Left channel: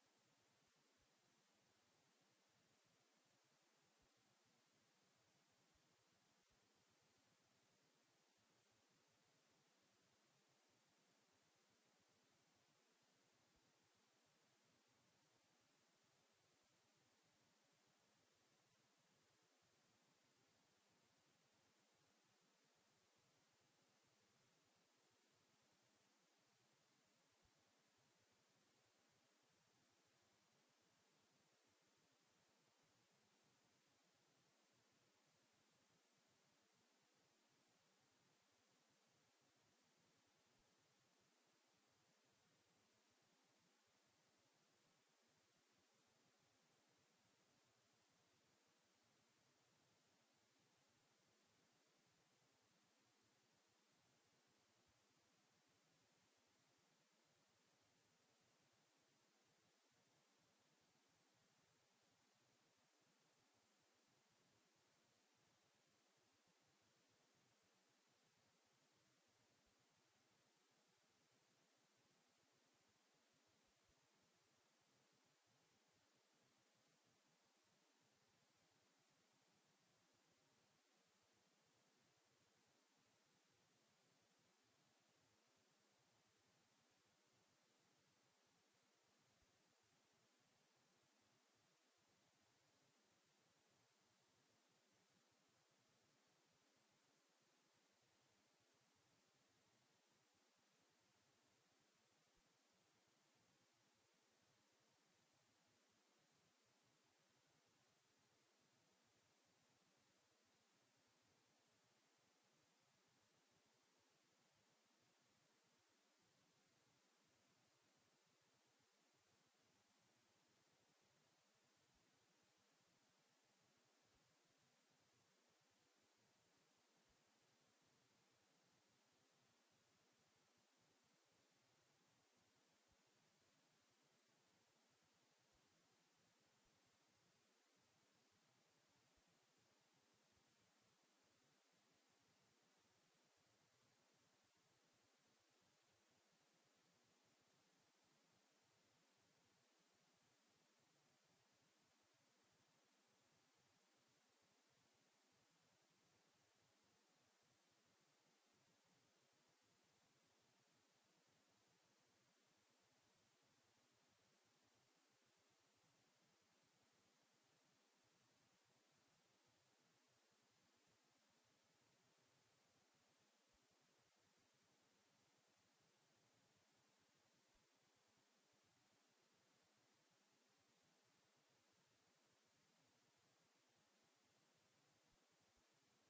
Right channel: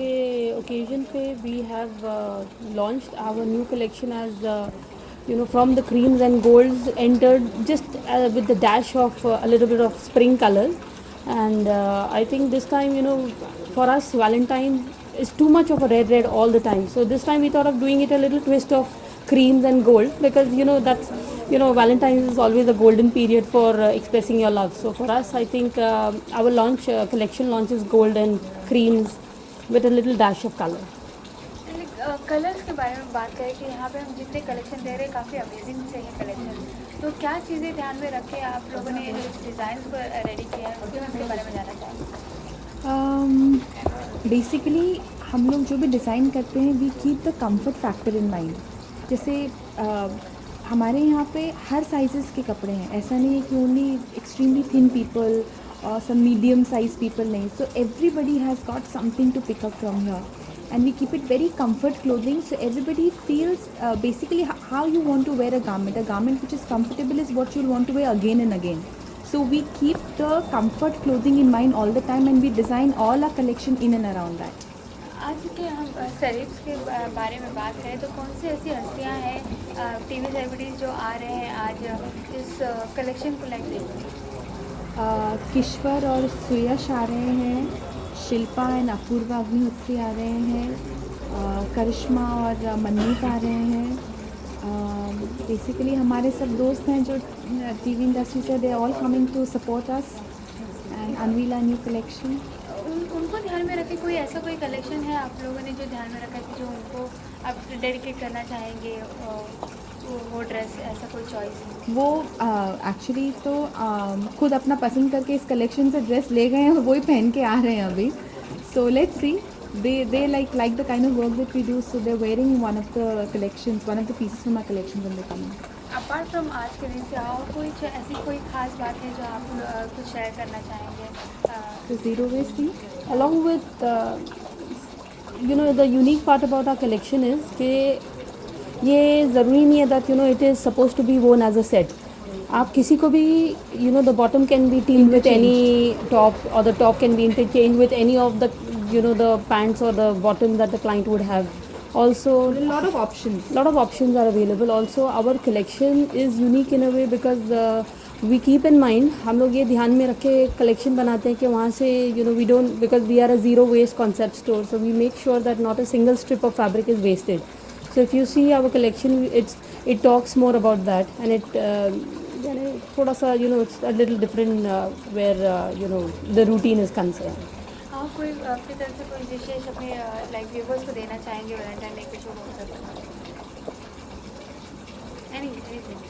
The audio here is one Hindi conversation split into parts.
के ओकेजन पे we have launched our new collection as from the creams and golds entered just with the dash of a little bit of spring colors. And I think this time, for us, Valentine is too much of a red all the time. So this time we thought of doing it a little twist of creams and gold, because that's Valentine's is always a golden period for expressing your love. So for us, I think our launch collection launches gold and creams with a little dash of color. Colours के बारे में बात करें कि यहाँ पे हम जितने कलेक्शन दे रहे हैं काफ़ी अमेजिंग से है कलेक्शन, तो क्या चीज़ें ध्यान में रख के आप लोगों ने इस डिज़ाइन को रेडी किया है, उसके बारे में जानना चाहेंगे। बेसिकली हम लोग जो भी डिज़ाइन करते हैं we keep the comfort factor in mind. जैसे हमारे यहाँ पे हर साइज़ेस के कपड़े हैं, ऐसा नहीं है कि ओनली एक्सट्रीमली थिन पीपल और सम मीडियम साइज पीपल नहीं। So everybody has got something to pick up from here and we keep it very comfort clothing, so everybody feels basically how you want to wear a garment which is comfortable is what you'll want to wear again and again. So we keep the comfort clothing in mind all the time and we design all our collection in and around that. आज के हम सेलेब्स के बारे में बात करें तो कौन सी ऐसी हस्तियाँ हैं टीवी सेलिब्रिटीज़ जो आ रहे हैं आज इस कलेक्शन को लेकर? किश्वर और सुयश आ रहे हैं, शिल्पा एंड अपूर्वा अग्निहोत्री आ रहे हैं, करिश्मा और मनमीत आ रहे हैं। बेसिकली हमारे सब दोस्त हैं जो टीवी इंडस्ट्री से, they all coming to support us and unveil a new collection. उनको ध्यान में रखे कोई ऐसा कोई कलेक्शन है आप लोगों ने जो ध्यान में रखा है जो उनको आप डेडिकेट करना चाहेंगे, वो ड्रेस ऐसा कोई चॉइस? वो एक्चुअली तो खुद अपना पसंद करके इस कलेक्शन से ड्रेस ले गए हैं और वही पहन के आ रहे हैं अभी। So let's see, they like the kind of work that we do, so they're wearing one of the pieces from our collection when they come in. Apart from आज के दिन से और कोई ऐसी कोई खास बात है जो आप कुछ शेयर करना चाहेंगे? The zero waste thing, along with the unique part about our collection is कि ये ज़रूरी नहीं है that it is supposed to be worn as a set. आप किसी को भी the bottom can be teamed with any top, or the top can be interchanged with any of the the pants or the bottom that the client would have. Also a lot of options are available. Also our collection is unique in a way because we keep in mind, हम लोग ये ध्यान में रख के collection बनाते हैं कि वहाँ से we don't, because we are a zero waste concept store, so we make sure that not a single strip of fabric is wasted. So if you see our collection, it talks more about that, and it थोड़ा सा it's a little different where the routine is concerned. हाँ, कोई आपकी तरफ से कोई विशेष अपने लाइक व्यूवर्स को देना चाहेंगे वैलेंटाइन डे पे जो हो सकता है? Anything.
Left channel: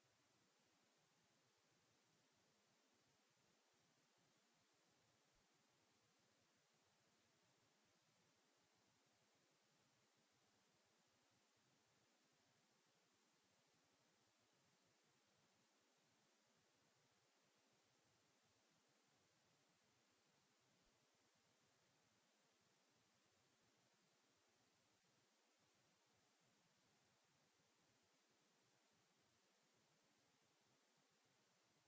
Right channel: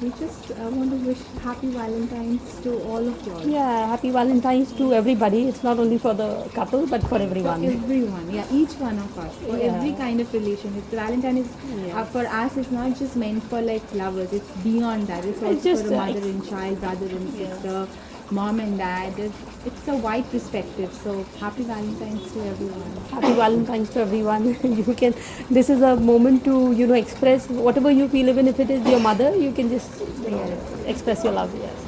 we just want to wish happy Valentine's to all of you all. Yeah, happy Valentine's to everybody. It's not only for the couple but for everyone. For everyone, yeah, each one of us, for every kind of relationship. Valentine is for us, it's not just meant for like lovers, it's beyond that. It's also just for a mother and child, brother and sister, mom and dad. It's a wide perspective. So happy Valentine's to everyone. Happy Valentine's to everyone. You can, this is a moment to express whatever you feel, even if it is your mother, you can just express your love. Yes.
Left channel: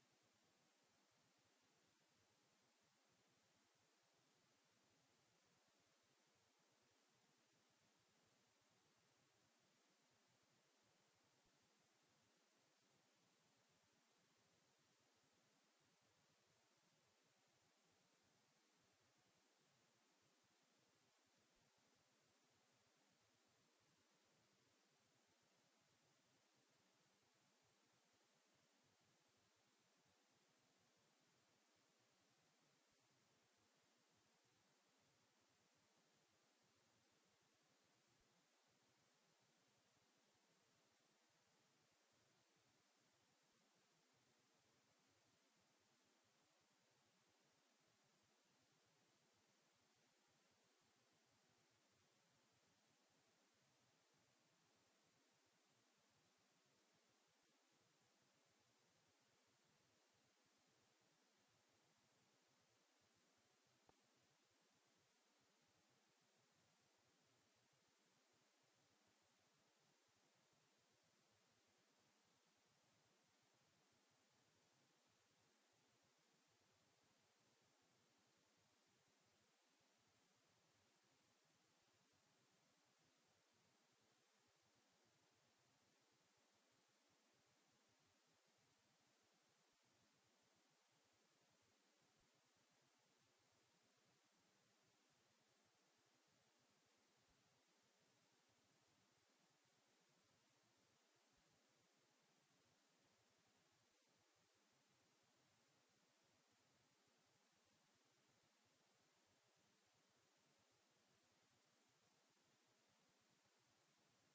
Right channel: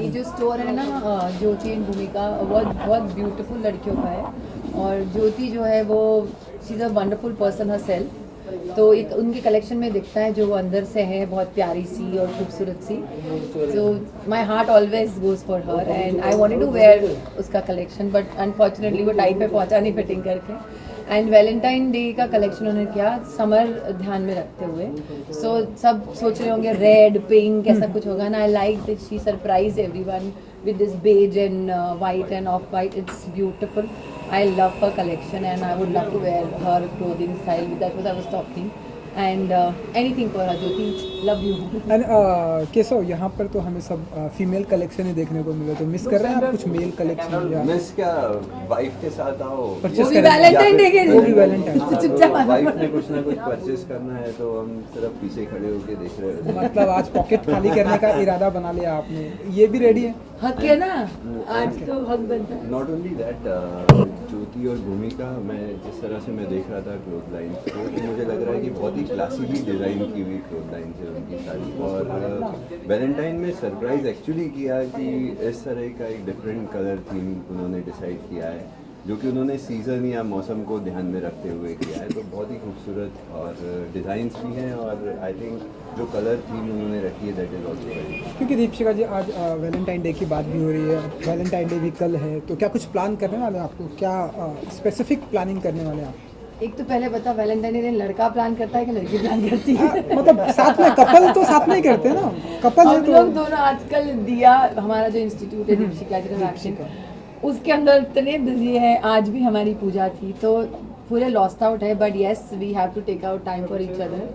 ये जो स्टोर है ना ज्योति एंड भूमिका, बहुत ब्यूटीफुल लड़कियों का है, और ज्योति जो है वो she is a wonderful person her self, तो एक उनके कलेक्शन में दिखता है जो वो अंदर से है, बहुत प्यारी सी और खूबसूरत सी। So my heart always goes for her and I wanted to wear उसका कलेक्शन, बट अनफॉर्चुनेटली वो टाइम पे पहुंचा नहीं फिटिंग करके। एंड वैलेंटाइन डे का कलेक्शन उन्होंने किया समर ध्यान में रखते हुए। सो सब सोच रहे होंगे रेड पिंक ऐसा कुछ होगा ना, I like that she surprise everyone with this beige and white and off white. It's beautiful. I love her collection and I would love to wear her clothing style. That's what I was talking. And anything for Jyoti, love you. And Keshav, यहाँ पर तो हमें सब फीमेल कलेक्शन ही देखने को मिले, तो मिस कर रहे हैं आप कुछ मेल कलेक्शन या मिस क्या, वाइफ के साथ आओ, परचेस भी करेंगे? वैलेंटाइन डे के वो भी वैलेंटाइन। चुपचाप आना वाइफ ने कुछ ना कुछ परचेस करना है तो हम सिर्फ पीछे खड़े होके देख रहे होते हैं। मतलब आज पॉकेट खाली करने का इरादा बना लिया आपने, ये भी रेडी है? हक है ना, आज तो हक बनता है। नॉट ओनली दैट, ज्योति और भूमिका, मैं जिस तरह से मैं देख रहा था क्लोथ लाइन को, तो मुझे लग रहा है कि बहुत ही क्लासिकली डिज़ाइन की हुई क्लोथ लाइन है उनकी सारी। और वैलेंटाइन में सरप्राइज एक्चुअली किया कि इस तरह का एक डिफरेंट कलर थीम उन्होंने डिसाइड किया है, जो कि उन्होंने सीज़न या मौसम को ध्यान में रखते हुए किया है। तो बहुत ही खूबसूरत और डिज़ाइंस भी हैं, और आई थिंक जो कलर थीम उन्होंने रखी है दैट इज़ ऑल्सो वेरी। क्योंकि दीपिका जी आज वैलेंटाइन डे की बात भी हो रही है, वैलेंटाइन डे भी कल है, तो क्या कुछ प्लान करने वाले हैं आपको? क्या स्पेसिफिक प्लानिंग करने वाले हैं आप? एक तो पहले बता, वैलेंटाइन डे लड़का प्लान करता है कि लड़की प्लान करती है? मतलब साथ में कपल तो साथ में ही करते हैं ना, कपल है हम तो लोग दोनों आजकल दिया, हमारा जो इंस्टीट्यूट है दीपशिका एक्शन, उसके अंदर इतने बिजी है। आज भी हमारी पूजा थी, तो पूरे लॉस्ट आउट है, but yes we have to take out time for each other.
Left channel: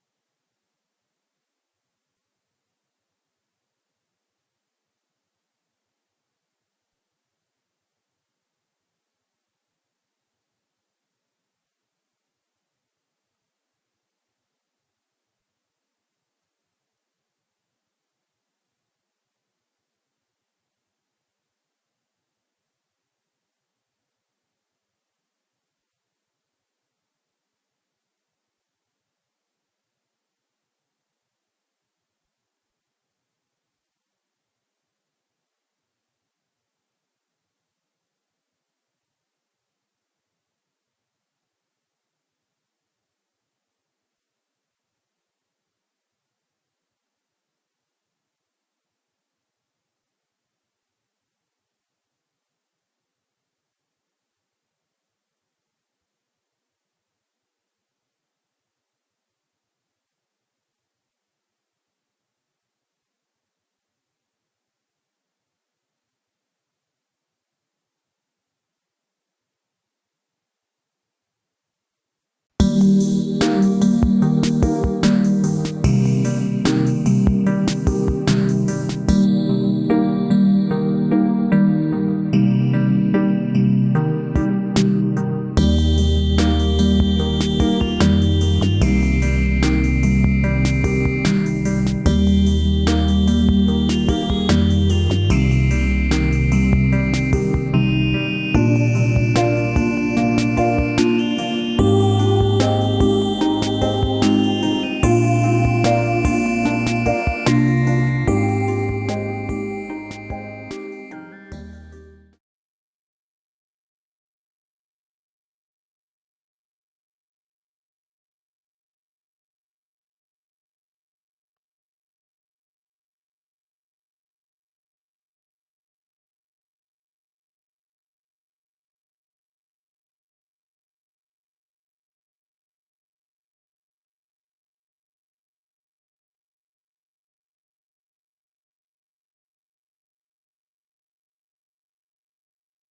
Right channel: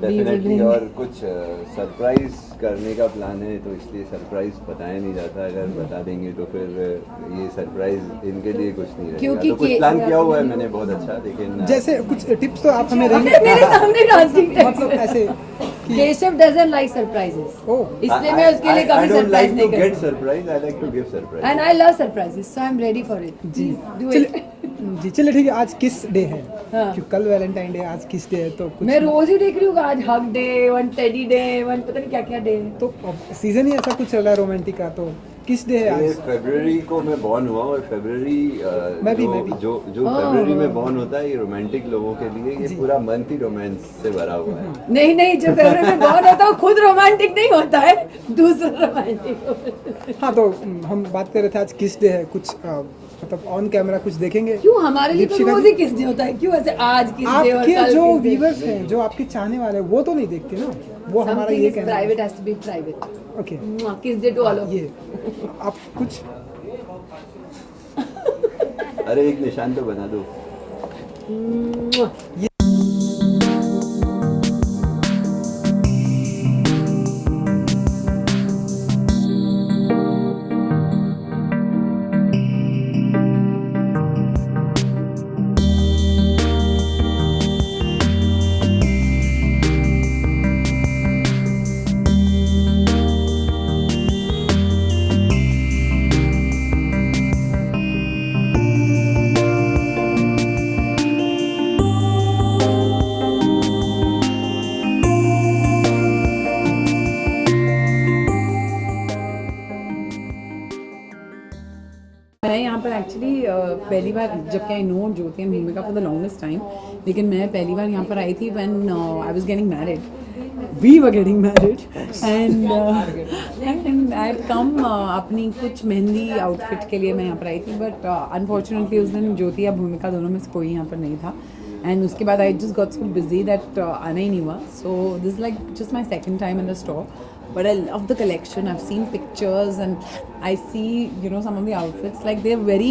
Definitely, और कुछ सरप्राइज करने का प्लान है, तो इसलिए सरप्राइज बताया नहीं जाता। अगर बता देंगे तो फिर ये सरप्राइज इनके लिए कुछ नहीं रहेगा। क्योंकि तो कुछ प्लान किया हुआ है मैंने बहुत अच्छा, लेकिन जैसे कुछ टिप्स तो आप हमें मेरे देंगे? सामने डांसिंग मतलब ऐसे कि Keshav doesn't like surprises, oh, इसलिए मैं उसके लिए कभी सरप्राइज नहीं गेट करती। Surprise, I like to give surprise. And I love surprises, so I am ready for it. जी डू चलिए इट। जी चलिए ठीक है। आज किस डे है? हाँ। क्योंकि कल वैलेंटाइन डे, आज किस डे है? तो कुछ मैं रोज ही देख रही हूँ, आज hug day, one teddy day, one पता नहीं क्या क्या डे है। तो सीजन ही ऐसा कुछ चल रहा है रोमांटिक का, तो किस डे है ये आज? फरवरी को मैं बॉर्न हुआ, और फरवरी मैं भी। जो फरवरी में बॉर्न होता है, ये रोमांटिक लोगों के लिए ये पूरा मंथ ही रोमांस से भरा हुआ है। नहीं नहीं, जो फरवरी में बॉर्न होता है वो खुद रोमांटिक नहीं होता है, दूसरा रोमांटिक होता है। हाँ, तो हम बात कर रहे थे आज किस डे है, कुछ मतलब ऑन कैमरा कुछ देखेंगे? क्यों, हमारे लिए तो दीपशिका रोज ही किस डे होता है, क्यों ऐसे आज किस डे और आपके कल जो किस डे? व्यूवर्स हैं, जो आपके चाहने वाले हैं, वो तो नहीं देखते ना, वो हमारा Something ये is कहना है। private has to be private. Okay, किस डे टू ऑल ऑफ ये आप कुछ अरे एक निशान तो बना दो। मैं यहाँ पर एक्चुअली पहली बार, जबकि I know Jyoti and Bhumika for the longest time, लेकिन मैं पहली बार यहाँ पर आई थी when I was getting married, we were getting married, and I had come अपनी कुछ मेहंदी आउटफिट के लिए मैं यहाँ पर आई थी, बट अनफॉर्चुनेटली उस दिन ज्योति या भूमिका दोनों में से कोई यहाँ पर नहीं था, एंड उसके बाद I just got so busy that आना ही नहीं हुआ। So this like just my second time in the store, but I love the collection. I've seen pictures and I see, you know, some of the outfits, like they're very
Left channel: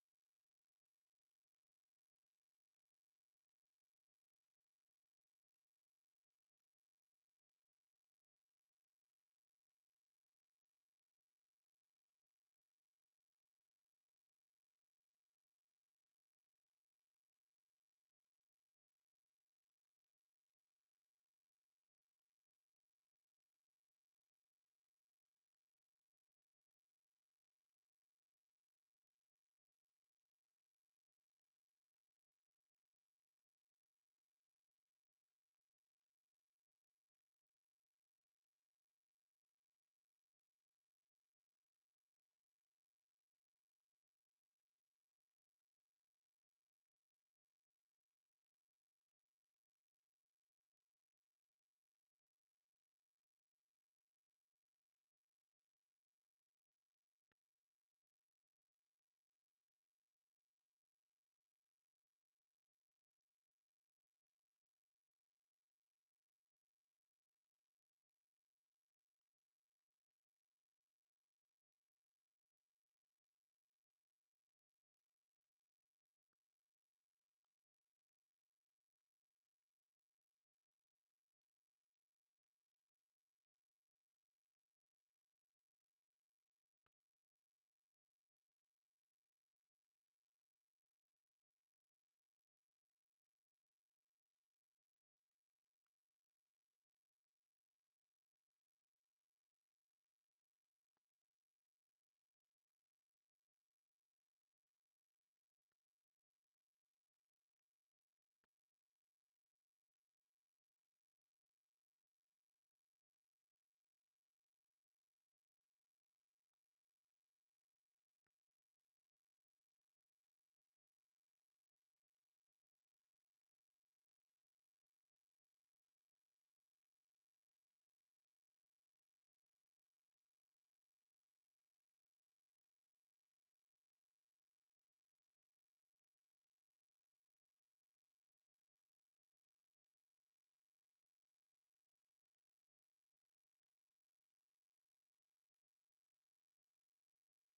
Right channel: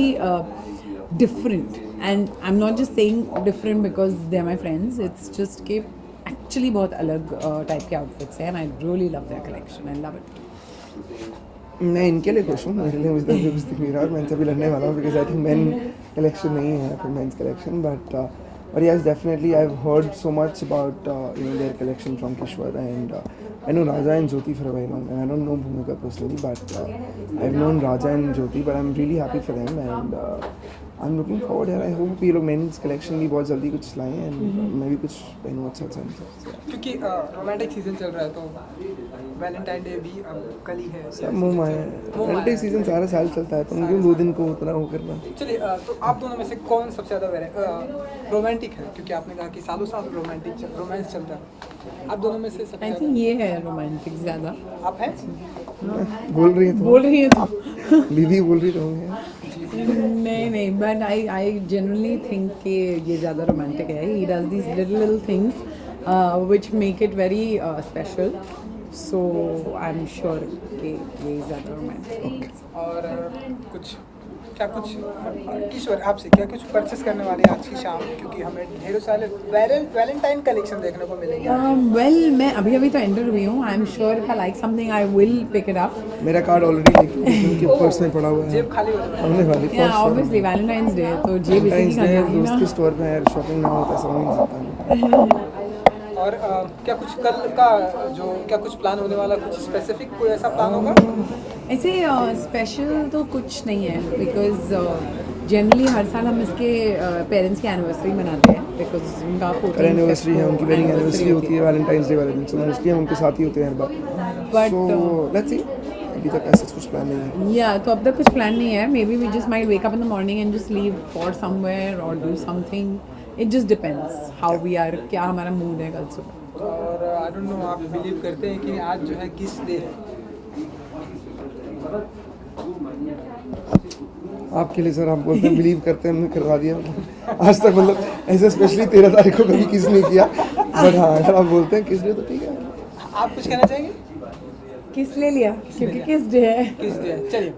different, and I'm not just saying different because they're my friends, it's just कि actually बहुत अलग type के outfits हैं, and I really love their collection. I love it. मैं इनके लिए खुश हूँ, मेरे लिए मुझे कुछ दिख नहीं रहा, और मैं इनसे भी लड़ने वाला हूँ because I think main collection नहीं है फिर men's collection, but yes, definitely I've heard so much about their collection from Kishwar, and I know Raja and Jyoti for a while long, and I don't know Bhumika personally, but I've known Raja and Jyoti, but I'm really happy for them, and I'm looking forward here. I hope ये लोग मेंस कलेक्शन भी बहुत जल्दी कुछ लाएं, and मैं भी कुछ पहनूँ अच्छा अच्छा। क्योंकि रोमांटिक सीजन चल रहा है, तो वैलेंटाइन डे भी अब कल ही है। सब मुँह माया, रोमांटिक सीजन सारा साल चलता है, तो क्यों 2 दिन को उतना वो करना। चलिए, तो आप दोनों में से कौन सबसे ज़्यादा रोमांटिक है? क्योंकि आपने कहा कि सालों साल रोमांस चलता है, आप दोनों में से सबसे I ज़्यादा think ये है romantic ज़्यादा। आप हैं? बोल रही है बोल रही है तो दीदी बोल रही रहूँगी। नहीं, but I genuinely think कि ये ज़्यादा romantic है. He does these little things which make it very special. So I'm sure कि ये ज़्यादा romantic है. और कुछ क्या कुछ किशोर आपसे क्या कुछ परचेस करने वाले हैं आज की शाम, क्योंकि हमें ढेरों सारे वैलेंटाइन कलेक्शन देखने को मिलेंगे। Well, मैं अभी तो एंटर हुई हूँ. I'm sure if I like something, I will pick it up. मेरा कार्ड ऑलरेडी उनके पर्स में पड़ा हुआ है, जेब खाली हो जाए। हमने वाली Yeah, obviously Valentine's Day. तो जेब इसी वैलेंटाइंस की डे खानी होगी दोस्त ना. के स्टोर पे यार शॉपिंग ना होता समझ नहीं सकता। और क्या कुछ कल का जो क्या कुछ प्लान होने वाला, कुछ स्पेसिफिक कोई ऐसा प्लान होगा? ऐसे स्पेशल तो कुछ नहीं है बिकॉज जनरली हर साल हम इसके पेरेंट्स की एनिवर्सरी मनाते हैं बिकॉज उनका और एनिवर्सरी है उनकी, वेडिंग एनिवर्सरी होती है वैलेंटाइंस डे वाले दिन, सो मोस्टली हम उनके साथ ही होते हैं हर बार। But, सो लेट्स सी, अभी तक ऐसा कुछ प्लान नहीं है। या तो अब तक कुछ प्लान नहीं है. Maybe we just might wake up in the morning and just leave for somewhere और do something. It just depends how we are, क्या हमारा मूड है कल सुबह. और आई डोंट नो, आप बिलीव करते हैं कि आज जो है किस डे है? आपके लिए सर, आप बोलते हैं बिलीव करते हैं, हमने करवा दिया। आज तक मतलब ऐसे स्पेशली 13 तारीख को कभी किस नहीं किया, बट हाँ अगर आप बोलते हैं किस डे तो ठीक है। आप कुछ कहना चाहेंगे? किस ले लिया क्योंकि किस डे है. किस डे है? चलिए।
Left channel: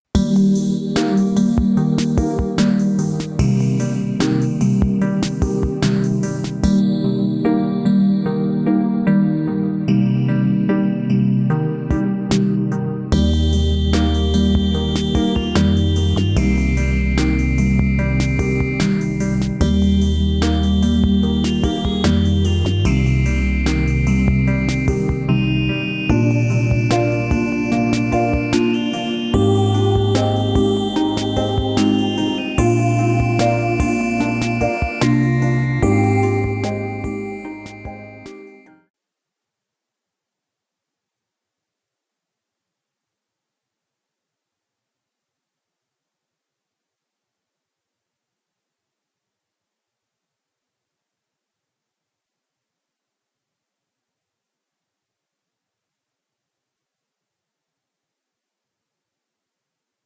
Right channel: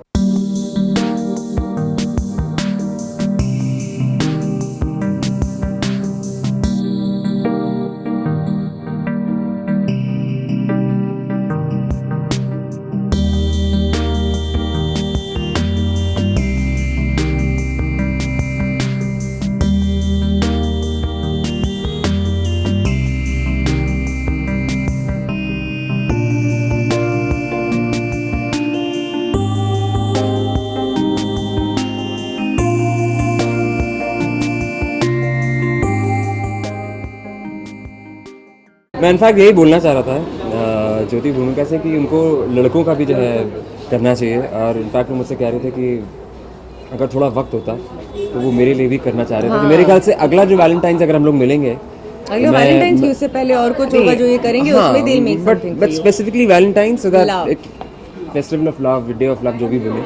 मैं इनफैक्ट यही बोलना चाह रहा था ज्योति भूमिका से कि उनको लड़कों का भी जो है करना चाहिए, और इनफैक्ट वो मुझसे कह रहे थे कि अगर थोड़ा वक्त होता तो वो मेरे लिए भी करना चाह रहे थे. तो मेरे ख्याल से अगला जो वैलेंटाइंस अगर हम लोग मिलेंगे, अगले वैलेंटाइंस की उससे पहले और कुछ होगा जो ये करेंगे, उसमें दिल make something but specifically Valentine's so that festival of love, day of love जो भी बोले,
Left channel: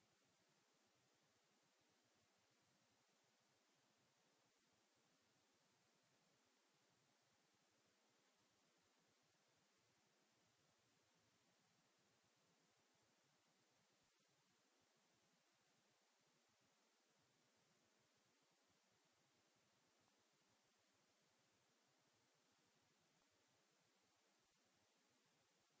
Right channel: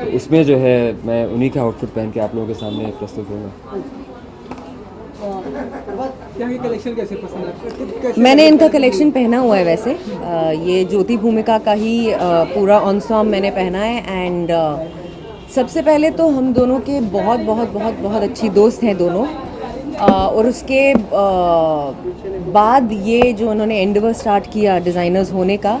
तो उसमें जो है मैं उन्हीं का आउटफिट पहन के आप लोगों के सामने प्रस्तुत होगा. यहाँ की कलेक्शन कैसे पसंद है आपको? कैसे मैंने इनका कलेक्शन पहना हुआ है वैसे. ये ज्योति भूमिका का ही पूरा ऑनसॉम मैंने पहना है. एंड सबसे पहले तो हम दोनों के बहुत बहुत बहुत बहुत अच्छी दोस्त हैं दोनों. और उसके बाद ये जो उन्होंने एंडेवर स्टार्ट किया डिज़ाइनर्स होने का,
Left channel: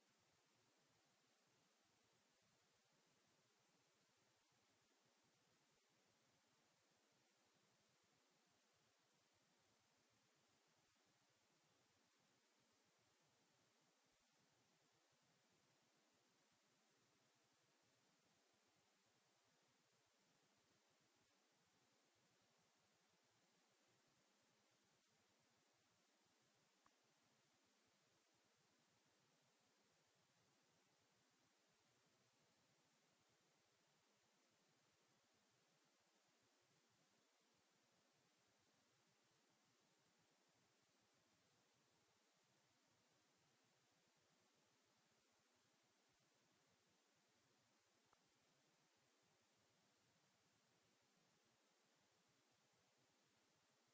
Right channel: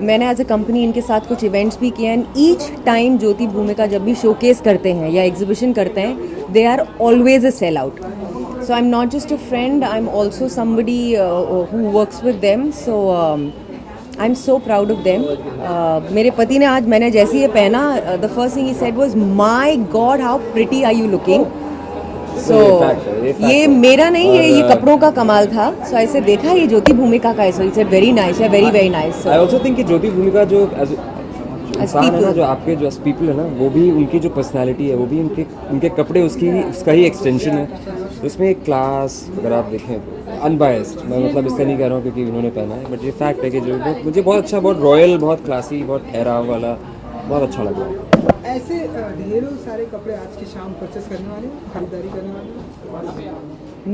मैंने एज अ कंपनी इनके साथ कुछ इवेंट्स भी किए. एंड ईच टाइम ज्योति भूमिका जब भी शोकेस करते हैं या एग्जीबिशन करते हैं, they are always a sell out. So I am not just a friend, I am also somebody who works with them. So I am so proud of them. मेरे पति ने आज मैंने जैसे ये पहना, द फर्स्ट थिंग ही said was, my God how pretty are you looking. So ये मेरा नहीं है, ये कपड़ों का कमाल था. सो ऐसे देखा ये ज्योति भूमिका का है, सो इट्स वेरी नाइस, है very very nice. I also think कि ज्योति भूमिका जो इंसान है ना, जो आपके जो पीपल है ना, वो भी उनकी जो पर्सनालिटी है वो भी उनके कपड़े उसका ही एक्सटेंशन है. तो उसमें एक क्लास, अगर आप देखें, अनबायस्ड, मैं मतलब इसका नहीं कह रहा हूँ क्योंकि उन्होंने पहना है, बट ये फैक्ट है कि जो मुझे बहुत अच्छा, बहुत रॉयल, बहुत क्लासी, बहुत ठहराव वाला बहुत अच्छा लगा. ऐसे ढेरों सारे कपड़े आज की शाम परचेस करने वाले हैं, खरीदारी करने वाले हैं?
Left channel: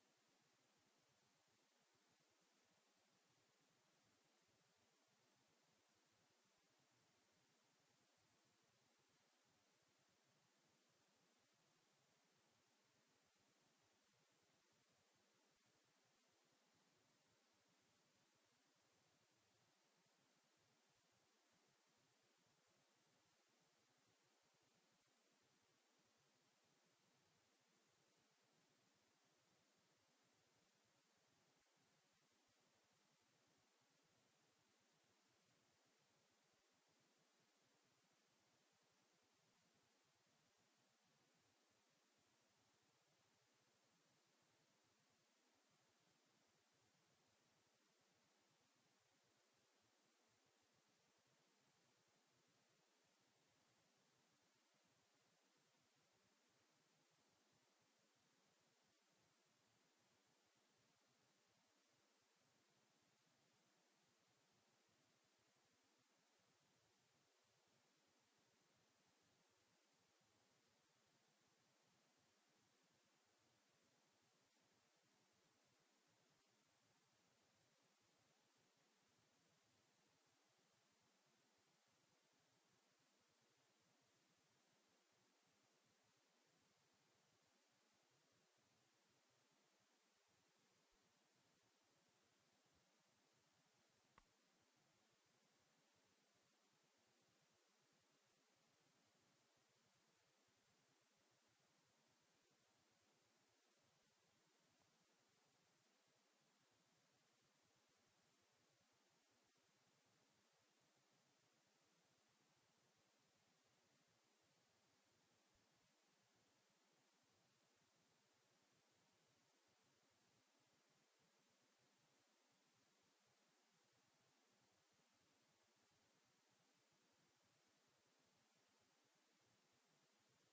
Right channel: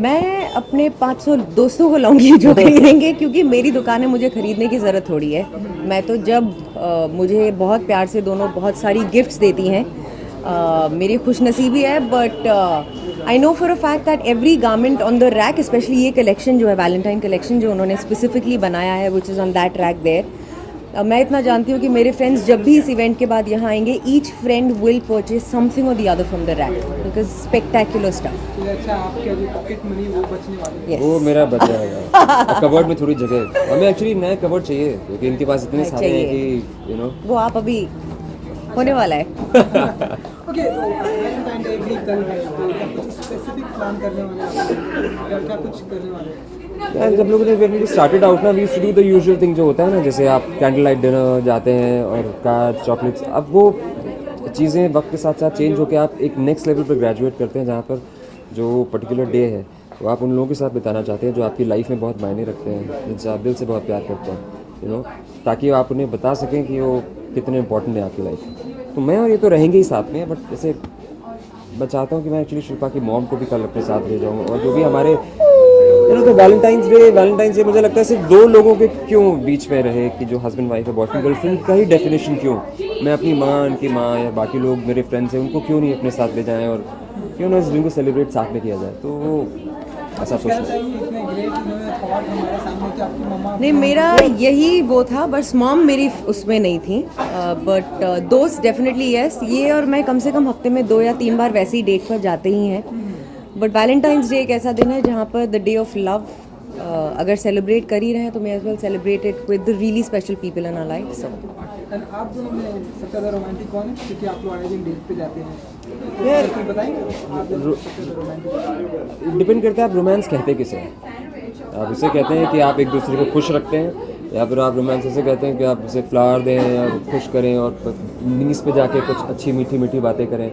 मैं अपने 500 दोस्तों को लाऊंगी जो खरीदेंगे, क्योंकि मेरी दुकान है, मुझे खरीदने की ज़रूरत थोड़ी है. मैं तो जब मुझे बहुत प्यार से दोनों बहुत सारी गिफ्ट्स देती हैं, मेरी खुशनसीबी है. But I know for a fact that every garment on the rack, specially ये कलेक्शन जो है वैलेंटाइन कलेक्शन जो उन्होंने स्पेसिफिकली बनाया है, which is on that rack there. मैं इतना जानती हूँ कि मेरे फ्रेंड्स जब भी इस इवेंट के बाद यहाँ आएंगे, each friend will purchase something और the other from the rack, because spectacular stuff. अच्छा, आपके जो पॉकेट मनी वो बचने वाली है? वो मेरा बच जाएगा. कबर्ड में थोड़ी जगह, हमें एक्चुअली नया कबर्ड चाहिए क्योंकि इनके पास इतने सारे हैं कि यू नो, वो आप अभी होने वाला है. ओके, तो वैलेंटाइन डे भी कल है, तो क्या कुछ स्पेसिफिक प्लान करने वाले हैं या क्या कुछ करने वाले हैं? यार जब लोगों ने when we started out ना, we used to do the usual thing जो होता है ना, जैसे आप कैंडल लाइट डिनर जाते हैं और कार्ड, चॉकलेट्स. अब वो चीज़ें वक्त के साथ साथ चेंज होकर आप एक नेक्स्ट लेवल पर ग्रेजुएट करते हैं, जहाँ पर जो पर्टिकुलर डे है वो आप उन लोगों के साथ बिताना चाहते हैं जो आपकी लाइफ में बहुत मायने रखते हैं, जिनसे आप दिल से बहुत प्यार करते हैं, यू नो, ताकि आप उन्हें बता सकें कि वो कितने इंपॉर्टेंट है आपकी लाइफ में. तो मैं और ये तो रहेंगे ही साथ में, बट जैसे मैं चाहता हूँ कि मैं एक्चुअली शिल्पा की मॉम को भी कल अपने साथ ले जाऊँ, और जो भी हमारे तो वैलेंटाइंस डे मुझे लगता है सिर्फ दो लोगों के क्यों बीच में रहे कि जो हस्बैंड वाइफ है, बॉयफ्रेंड गर्लफ्रेंड का ही डेफिनेशन क्यों, मैं अपनी माँ, उनकी माँ या बाकी लोग मेरे फ्रेंड्स हैं उनको क्यों नहीं अपने साथ ले जाएं और क्यों ना इस दिन को सेलिब्रेट साथ में किया जाए, तो ऐसा सोचना है। इतने ग्रेट इन्होंने थॉट हमारे सामने कि आपकी मम्मा नहीं, मेरा यही वो था, बस मॉम मेरी उसमें नहीं थी, बट दोस्त डेफिनेटली यस। ये और मैं कम से कम हफ्ते में 2 या 3 बार वैसे ही डेट पर जाते ही हैं। बट वैलेंटाइंस डे एक ऐसा दिन है जहाँ पर द डे ऑफ लव अगर सेलिब्रेट कर ही रहे हैं तो may as well celebrate it with the really special people in our life. So and आप दोनों में सबसे ज़्यादा रोमांटिक कौन है, क्योंकि आप लोग आए दिन डेट पे जाते हैं, यार कुछ बताएंगे आप दोनों सबसे ज़्यादा रोमांटिक? डिपेंड करता है आप रोमांस कहते किसे हैं। आप इसे कहते हैं कि आप एक दूसरे को खुश रखते हैं, या फिर आप रोमांस ऐसे कहते हैं कि आप उसे फ्लावर दें या खुश करें और नीस पे जाके कुछ अच्छी मीठी मीठी बातें करें।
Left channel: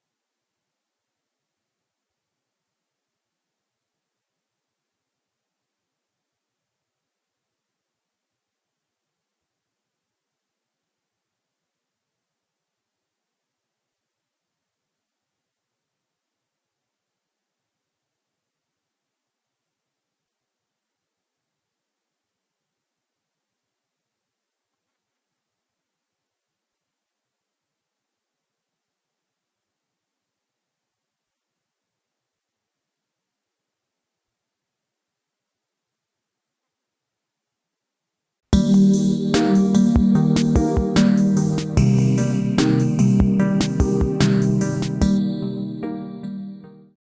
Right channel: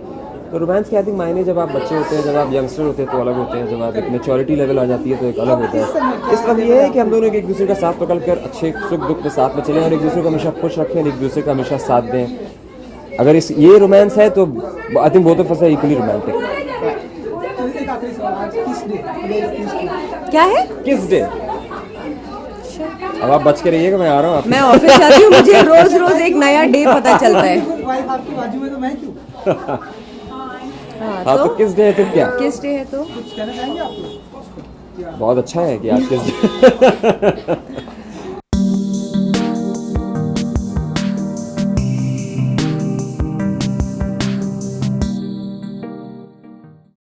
तो रोमांस के आई थिंक मायने जब आप बच्चे होते हैं, जब आप यंगस्टर होते हैं तो अलग होते हैं, जब आप एक मैच्योरिटी लेवल आ जाती है तो एक अलग होता है। इस वक्त ये है कि हम दोनों एक दूसरे का साथ पकड़ कर अच्छे सुख दुख में साथ में चलें और एक दूसरे को हमेशा खुश रखें और एक दूसरे का हमेशा साथ दें। अगर ये रोमांस है तो I think both of us are equally romantic. तो एक आखिरी सवाल, आज किस डे? क्या है? किस डे? अब आप बच के रहिएगा, मैं आ रहा हूँ आप। मैं ऑफिस जाती हूँ, मुझे रोज रोज एक नया डे पता चलता है। वाइफ आपकी बाजू में तो मैं क्यों? हाँ तो किस डे है तो क्या? किस डे है तो कुछ कहना चाहेंगे आप लोग? बहुत अच्छा है कि आज किस डे